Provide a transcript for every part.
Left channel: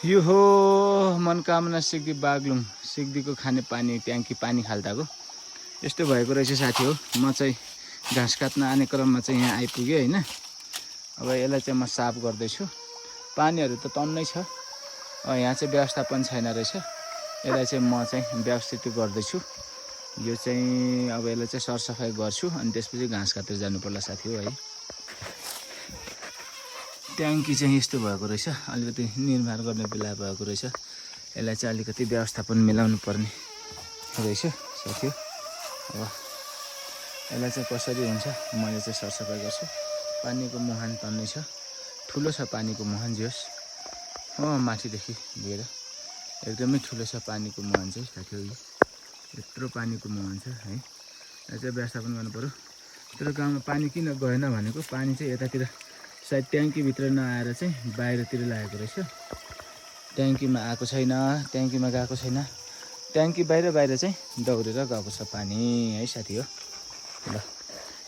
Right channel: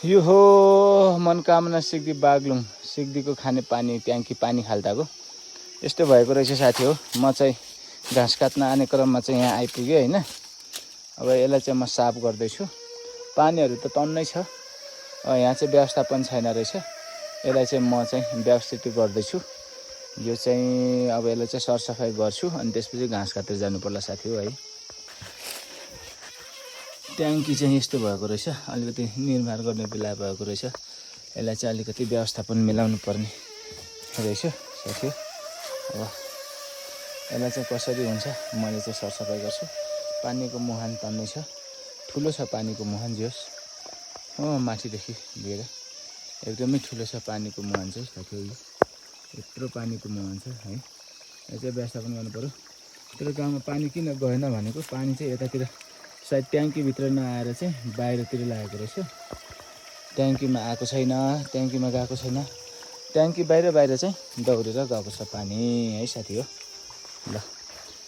यो हो मनकामना सिक्दी बागलुङ सिक्दीको खाने पानी ट्याङ्की पानी खाल्टाको यस्तो भएको रहेछ साथी हो। म चाहिँ घाँस काट्न आने क्रममा चाहिँ यहाँ आइपुगेँ होइन। अब यसलाई चाहिँ म साफ गर्दैछु। पानीहरू त तन्नै छ, यहाँ चाहिँ व्यवस्थापन छैन रहेछ। यसलाई चाहिँ म चाहिँ व्यवस्थित गर्दैछु। यो चाहिँ अब यसलाई चाहिँ सरसफाइ गर्छु अनि त्यसपछि घाँस काटेर जानु पर्ला साथी हो है। ट्याङ्की चाहिँ यस्तो भएको रहेछ, अलिकति निर्माण गर्ने बेला भएको रहेछ। यसलाई चाहिँ अलिकति व्यवस्थापन मिलाउनु पर्ने रहेछ साथी हो। अब यसलाई चाहिँ कसरी हुन्छ मैले चाहिँ सरसफाइ गर्छु। पानीको मुहान तन्नै छ, ठुलो छ पानीको मुहान जे होस्। माथिदेखि लिएर एकदमै ठुलो छ पानीको मुहान चाहिँ साथी हो। यत्रो पानीको मुहान छ है, यो चाहिँ व्यवस्थापन गर्नु पर्यो। तर गाउँमा पानी किन गएन भनेको पानी चाहिँ यतातिर सायद ट्याङ्कीभित्र नआएर चाहिँ बाहिरतिर लागेको रहेछ। ट्याङ्कीमा आएको छैन, ट्याङ्कीमा गएको छैन, ट्याङ्की बाहिर चाहिँ दौडेर गएको छ पानी है साथी हो। ल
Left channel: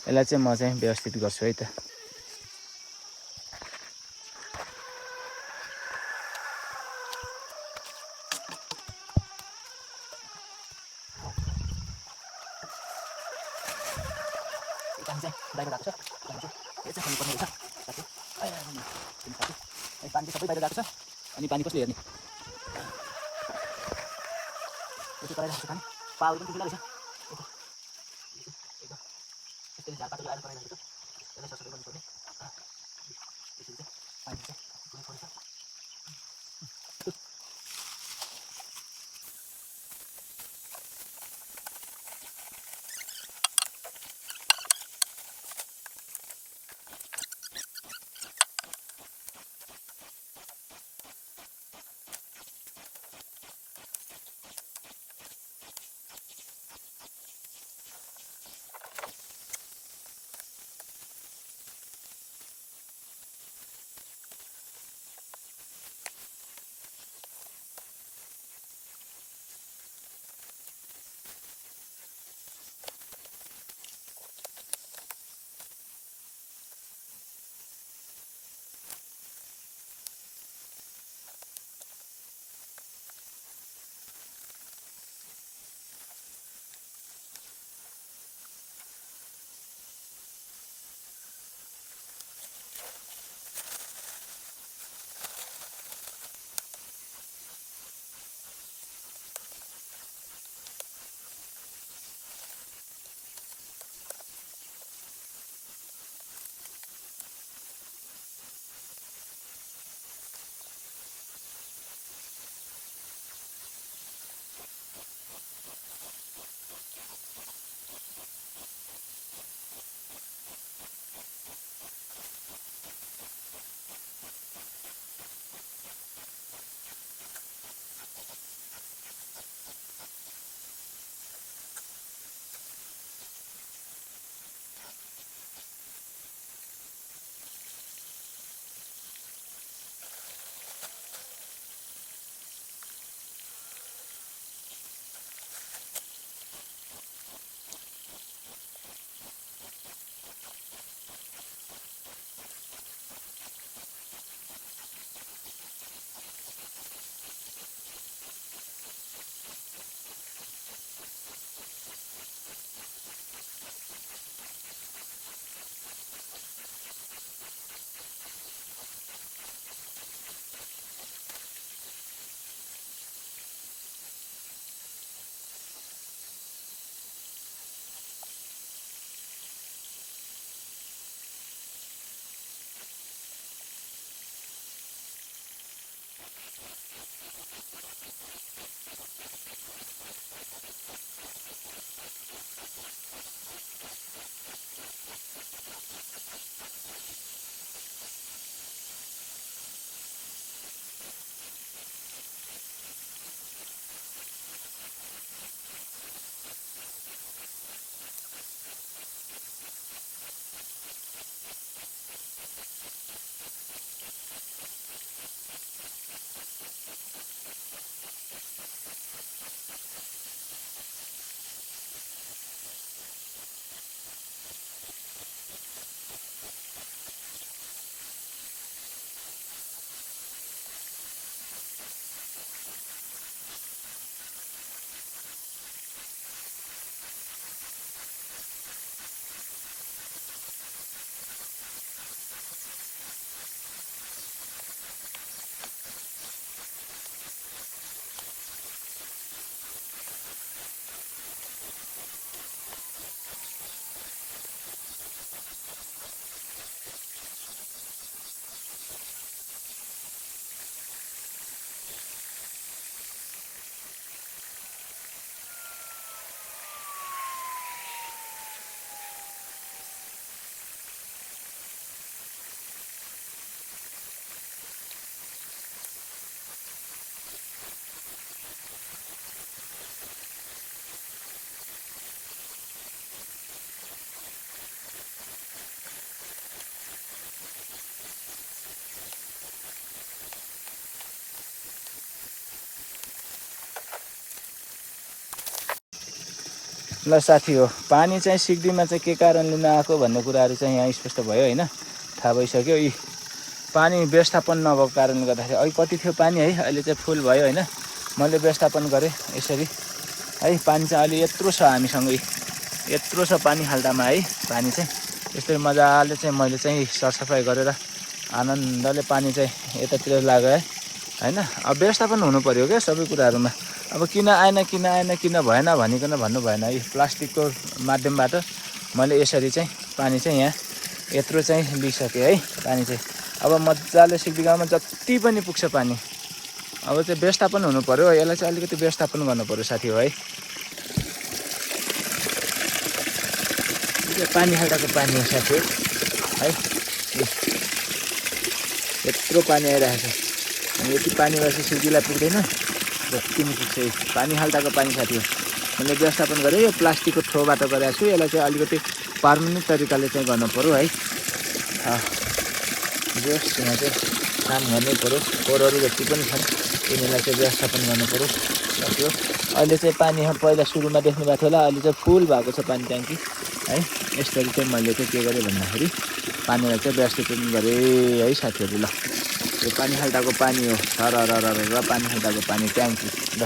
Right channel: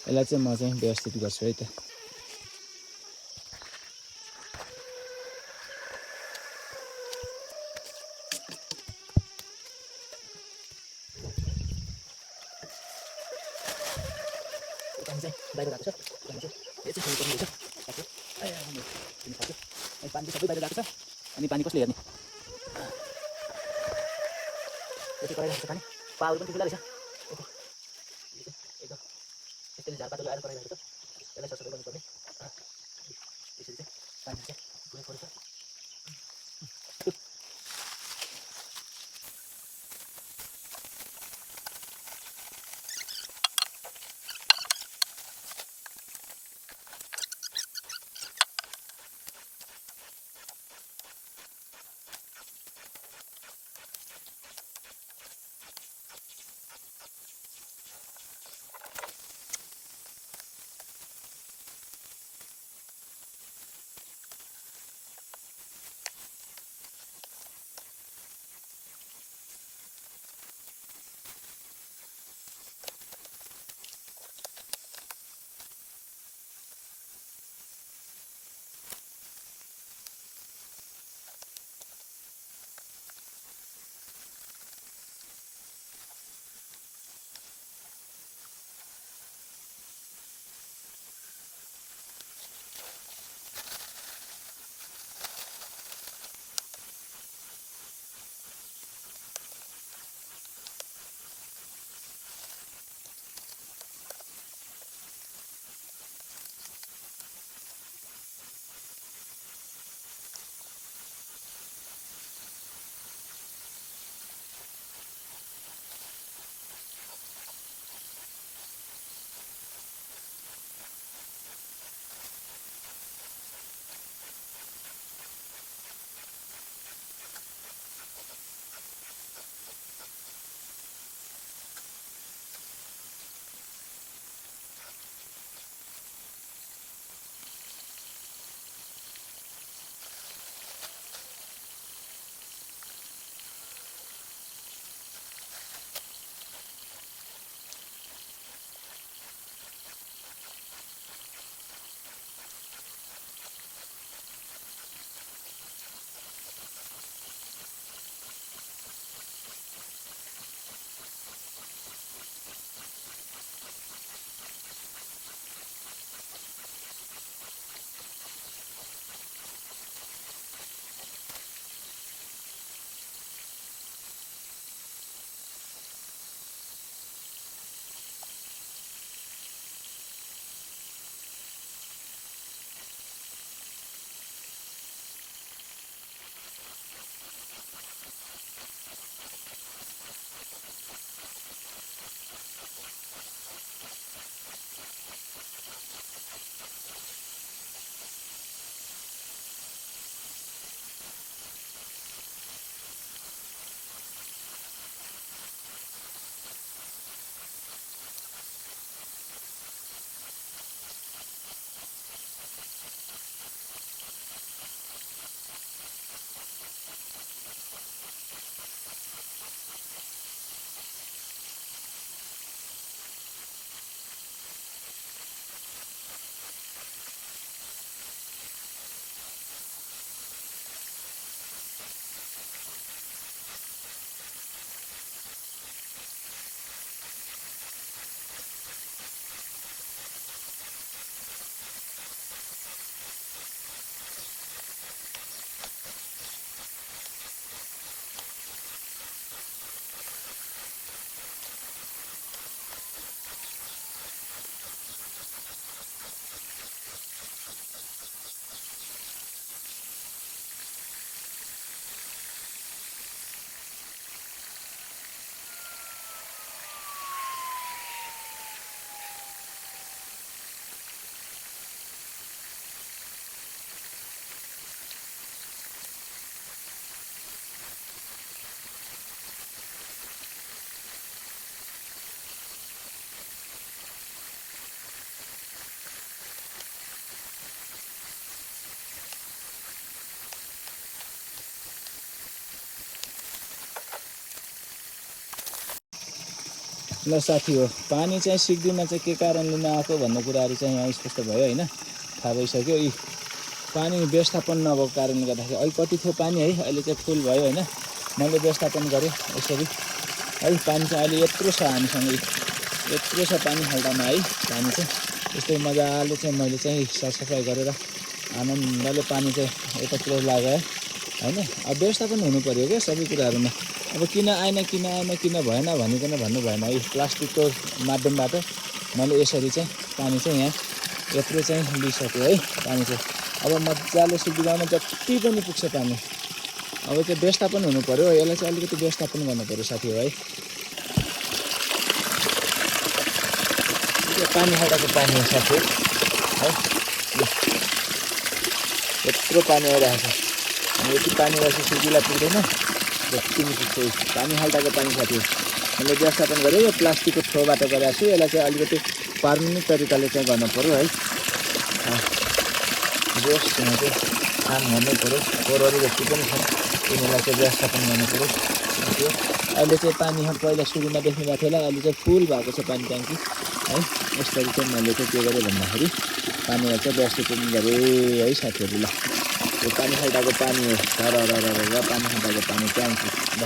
यसलाई चाहिँ म चाहिँ व्यवस्थित गर्छु है त। पानी चाहिँ बाहिर गएको छ, यो चाहिँ खानुपर्ने रहेछ साथी। पानी चाहिँ सबै बाहिर गएको छ अनि पानी कसले हेर्ने? यति कराइरहेको छ पानी, पावर पनि ठुलो रहेछ। एकदम यसरी झारपातहरू आएर कराइरहेको छ, यसलाई सरसफाइ गर्नुपर्ने। त्यसरी चाहिँ पानी चाहिँ पुरै परेछ। ल साथी हो, पानी चाहिँ सिक्दीमा चाहिँ के कारणले नआएको भन्ने कुराहरू चाहिँ यहाँ स्पष्ट भयो होइन, थाहा भइसक्यो। यी पानी व्यवस्थापन नभएको कारणले गर्दाखेरि अहिले कति थियो पानी है, अहिले चाहिँ फुल भयो होइन। मैले व्यवस्थापन गरेँ यसरी है। पानी चाहिँ अहिले यत्रो छ हामीसँग, यत्रो छ पानी खाल्टामा है। पानी चाहिँ यस्तै मजाले चाहिँ मैले चाहिँ सरसफाइ गरेर आनन्दले पानी चाहिँ यतातिर लाग्यो है होइन। अब व्यवस्थापन हुनु पऱ्यो क्या सबै कुराहरूमा। अब किन आएन किन भएन भनिकन भन्नु भएन है। प्लास्टिकको माध्यमबाट मैले यसरी चाहिँ पानी चाहिँ यहाँ यत्रो चाहिँ लिइसकेँ है। पानी चाहिँ अब मजाले सिक्दी गाउँमा जति पनि पुग्छ पानी। अब चाहिँ व्यवस्थापन हुनु पऱ्यो, यसलाई चाहिँ अलिकति व्यवस्थापन गर्नु पऱ्यो साथी हो है। पानी खाल्टाको पानी हो साथी है। यत्रो पानी आइरहेको छ अनि यति पानी भएपछि सिक्दीलाई पुग्दैन, जति पनि पुग्छ पानी खाल्टाको पानी साथी हो। मैले व्यवस्थापन गरेँ, यो प्लास्टिकको थ्रोबाट गरेको छु। यसलाई चाहिँ अलिकति पर्मानेन्ट तरिकाले चाहिँ गर्नु पऱ्यो है। जोसँग चाहिँ काम गर्नै पऱ्यो। फोहोरहरू जति पनि छन् तिनीहरूलाई चाहिँ व्यवस्थापन गर्नु पऱ्यो साथी हो। अहिले चाहिँ पानी पहिला सुरुमा देख्नु भएको थियो होला, अहिले चाहिँ फुल भएको छ पानी ट्याङ्की है। यसरी चाहिँ मैले चाहिँ के गरेँ भन्दाखेरि पानीलाई चाहिँ व्यवस्थापन गरेँ है साथीहरू। ल यो पानी खाल्टाको पानी हो, र पानी खाल्टाको पानी ट्याङ्की ल